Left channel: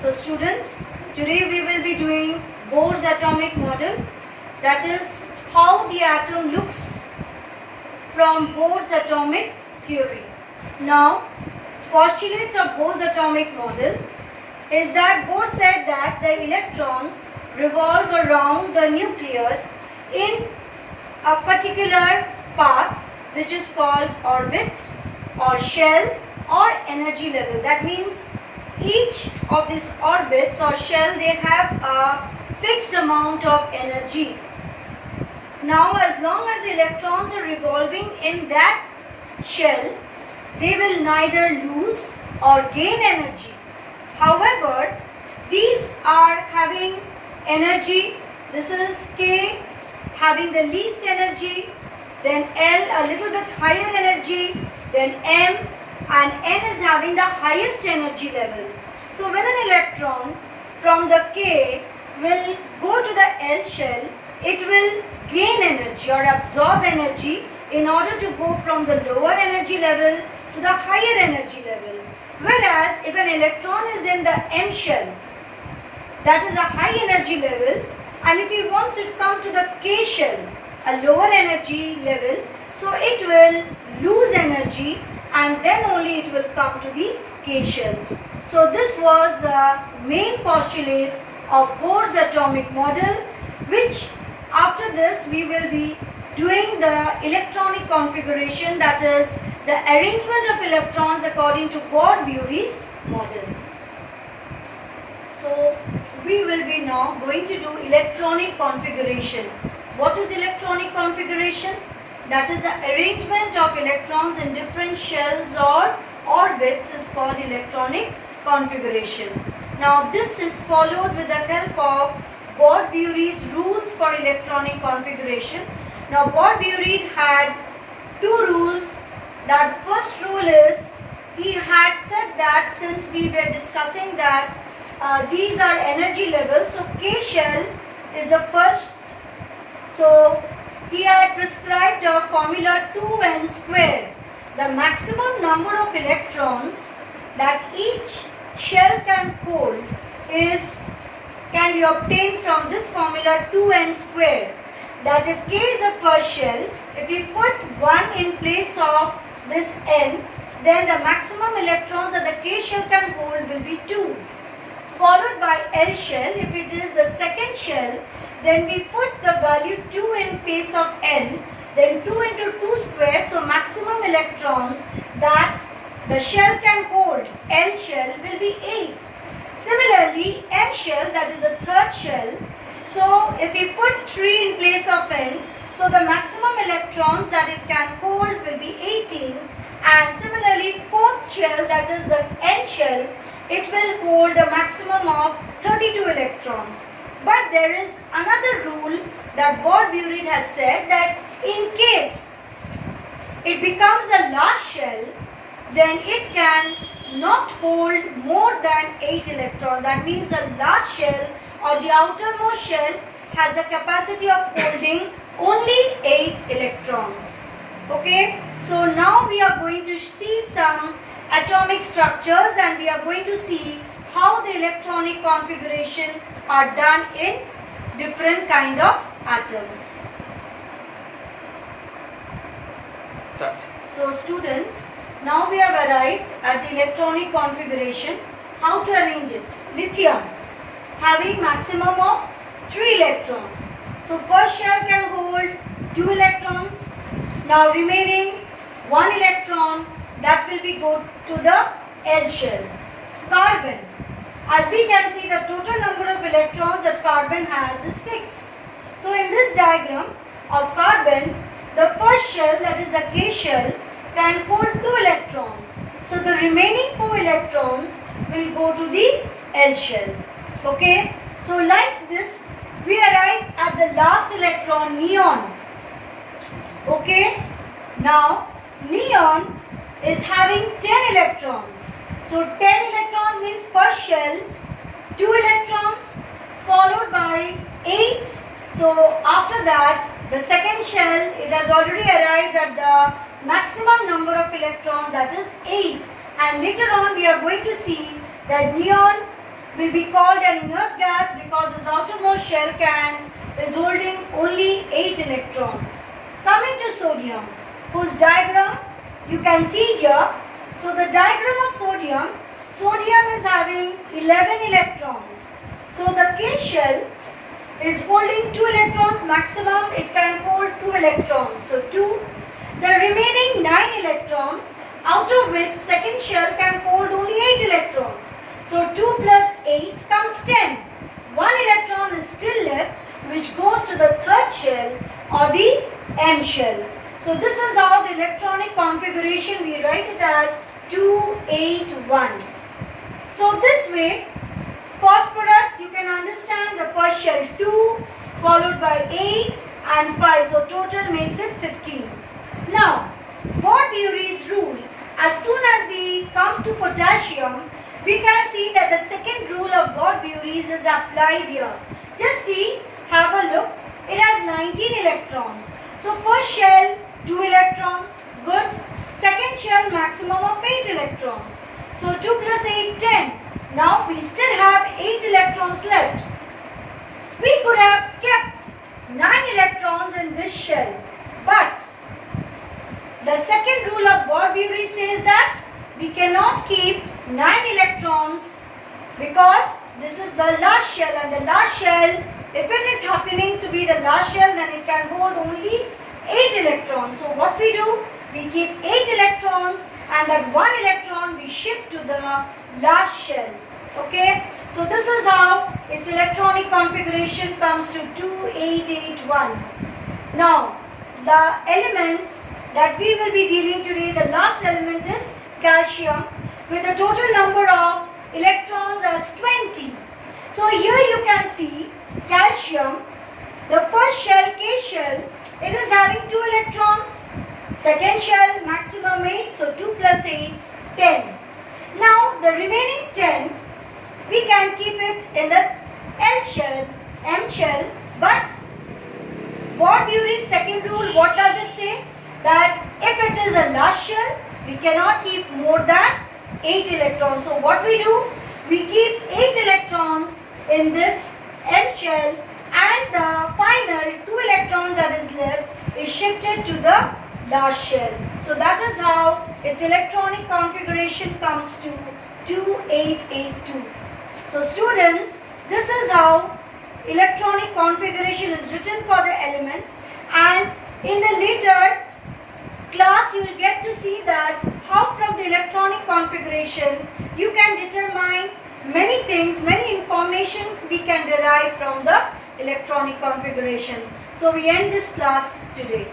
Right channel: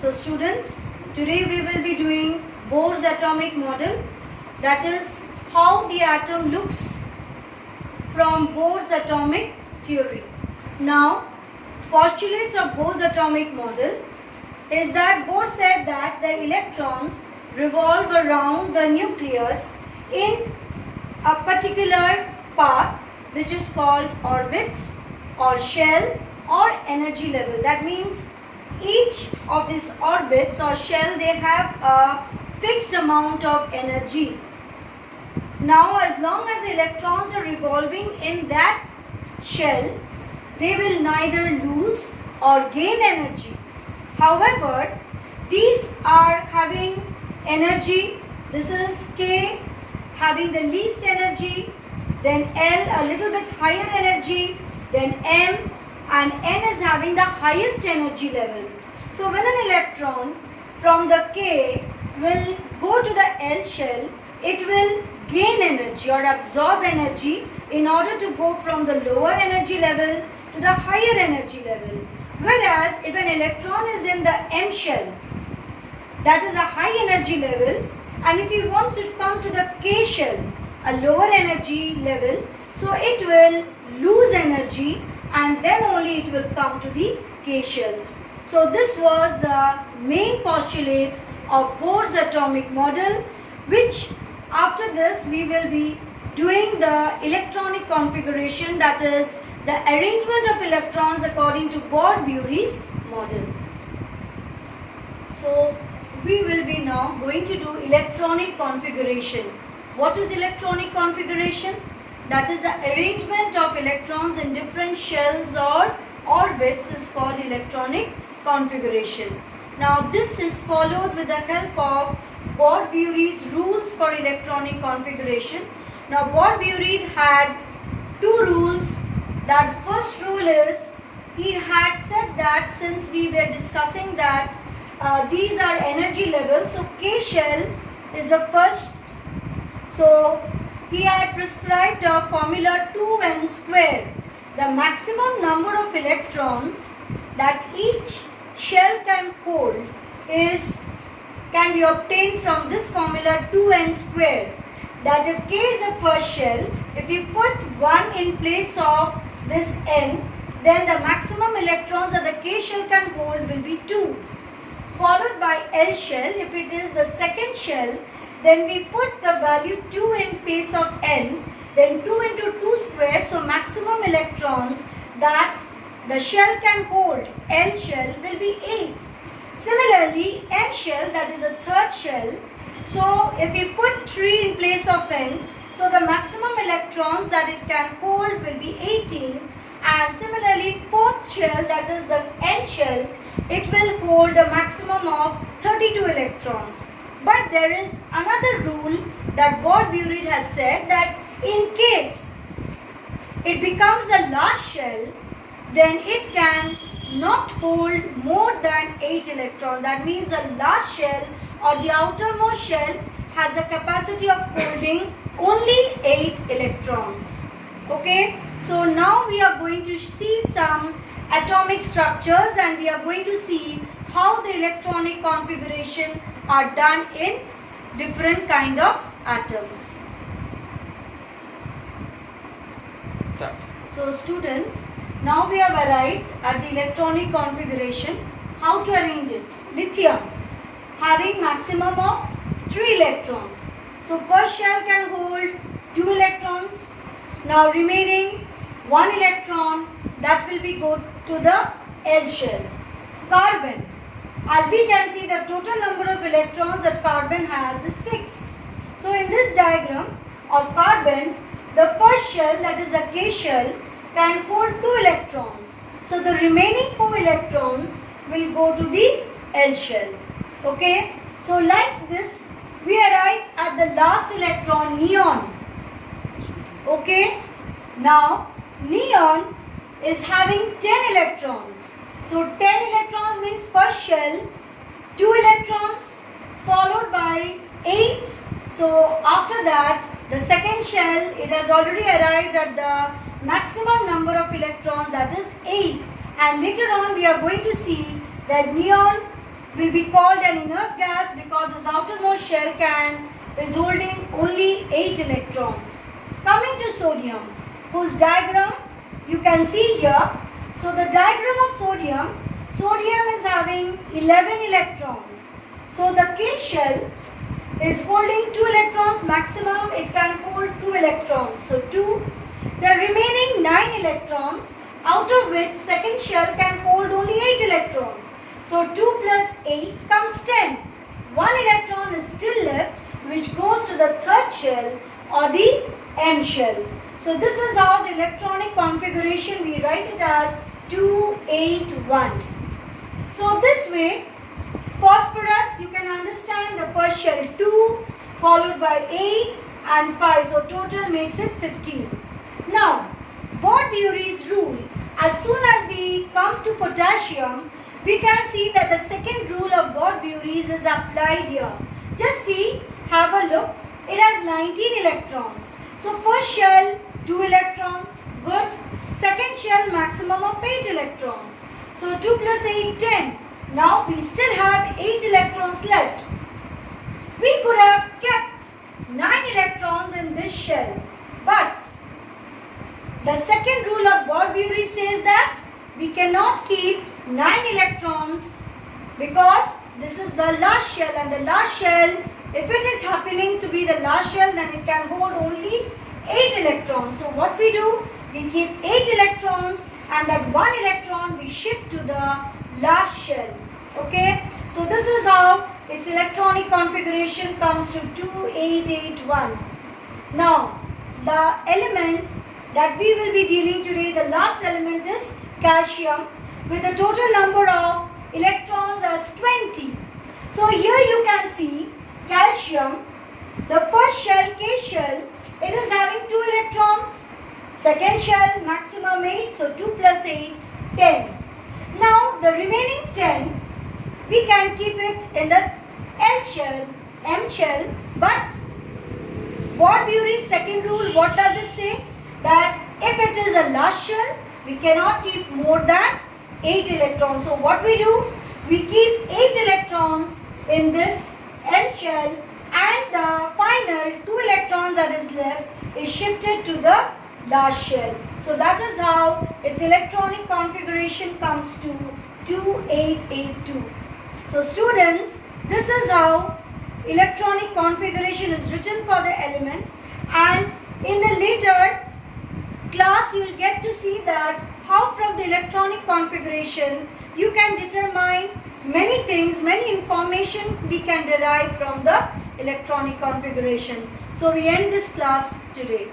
So students, today we will be doing Bohr's atomic model, that is how the atom looks from Bohr's atomic theory. Now, postulates of Bohr's atomic model is that Bohr said that the electrons revolve around the nucleus in a particular path which is called orbit or shell or energy level. That means each of these orbits or shell, they have a fixed amount of energy. Now as long as electrons are revolving in that shell, they will neither lose or gain energy. However, these are having energy. This is K having the least energy, then L a little bit higher energy, then M, and N is having the highest energy level. So when an electron from the K will go to the L shell, it will gain energy or absorb energy in order to go from the lower energy level to the higher energy level. Whereas if an electron is in the N shell, that is a high energy level, and if it wants to come to the K shell, a lower energy level, so it will lose energy and then only it will come to the K shell. So this was the main postulates of Bohr's atomic model, which after this we will be doing the electronic configuration, that is the arrangement of electrons according to Bohr-Bury's model. So we will be now going to do electronic configuration. What is electronic configuration? That is the arrangement of electrons in different shells or orbits is called electronic configuration. Now this is followed with the help of Bohr-Bury's rules for electronic configuration. Now Bohr-Bury had two rules. That first rule is, he had said that since we were discussing that these are energy levels, so K shell is the first. So he had prescribed a formula 2n squared. The maximum number of electrons that each shell can hold can be obtained from this formula 2n squared. That if K is the first shell, if you put 1 in place of this n, then the maximum electrons that the K shell can hold will be 2. Followed by L shell, if it is the second shell, then we put the value 2 in place of n, then 2 into 2 square, so maximum electrons that the shell can hold, L shell, will be 8. Similarly, M shell, that is the third shell, so if we put 3 in place of n, so the maximum electrons that it can hold will be 18, and similarly fourth shell, that is the N shell, it will hold a maximum of 32 electrons. But there is another rule that Bohr-Bury has said, that in case it becomes the last shell, then it can not hold more than 8 electrons. That means the last shell or the outermost shell has a capacity of holding only 8 electrons. Okay, so now we are going to see some atomic structures and we are going to see how the electronic configuration are done in different kind of atoms. So students, now we have arrived at the electronic configuration. How to arrange it? Lithium having maximum of 3 electrons. So first shell can hold 2 electrons. Now remaining 1 electron, that will be go to the L shell. Carbon. As we can see, the total number of electrons that carbon has is 6. So in this diagram of carbon, the first shell, that is the K shell, can hold 2 electrons. So the remaining 4 electrons will go to the L shell. Okay. So like this, we arrive at the last electron, neon. Okay. Now neon is having 10 electrons. So 10 electrons means first shell, 2 electrons followed by 8. So after that, the second shell, it has already arrived at the maximum number of electrons, that is 8. And later on we are going to see that neon will be called an inert gas because its outermost shell is holding only 8 electrons. Coming to sodium, whose diagram you can see here. So the diagram of sodium is having 11 electrons. So the K shell is holding 2 electrons maximum, it can hold 2 electrons. So 2. The remaining 9 electrons, out of which second shell can hold only 8 electrons. So 2 plus 8 comes 10. 1 electron is still left, which goes to the third shell or the M shell. So this is how the electronic configuration, we write it as 281. So this way, phosphorus, you can understand the first shell 2 followed by 8 and 5. So total makes it 15. Now, Bort-Bury's rule, as soon as we come to potassium, we can see that the second rule of Bort-Bury's is applied here. Just see, have a look. It has 19 electrons. So first shell, 2 electrons, good. Second shell, maximum of 8 electrons. So 2 plus 8, 10. Now we still have 8 electrons left. We could have kept 9 electrons in this shell. But the second rule of Bort-Bury says that we cannot keep 9 electrons because this is the last shell, and the last shell, if it is happening to be the last shell, then it can hold only 8 electrons. So what we do? We keep 8 electrons, and that 1 electron we shift to the last shell. Okay? So this is how its electronic configuration comes to 2881. Now, the element that we will be dealing today, the last element is calcium, with a total number of electrons as 20. So here you can see calcium, the first shell, K shell, it is having 2 electrons. Second shell, maximum 8, so 2 plus 8, 10. Now the remaining 10, we can keep it in the L shell, M shell, but Bort-Bury's second rule, what does it say? That if it is a last shell, we cannot keep more than 8 electrons. So what we do? We keep 8 electrons in this M shell, and the final 2 electrons that is left is shifted to the last shell. So that is how its electronic configuration comes to 2882. So students, this is how electronic configuration is written for the elements, and in the later class you will get to see that how from the electronic configuration you can determine many things, many information we can derive from the electronic configuration. So we end this class today.